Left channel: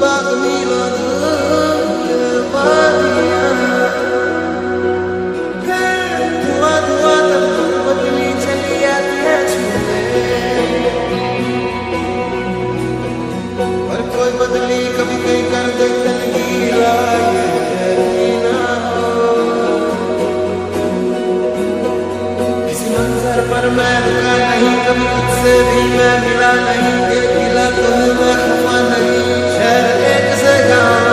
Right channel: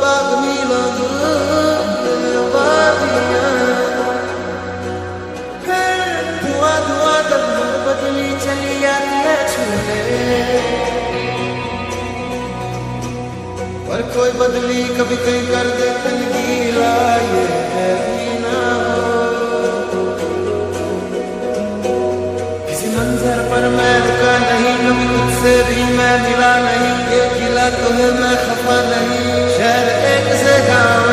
बाग मीलों दूर वादियां, फिर धुआं धुआं तन्हार बदली चली आती है छूने। और कोई बदली कभी कहीं कर दे तन गीला, ये है भी ना हो। किसी मंजर पर मैं रुका नहीं, कभी खुद से भी मैं मिला नहीं। ये गिला तो है मैं खफा नहीं, शहर एक से गाँव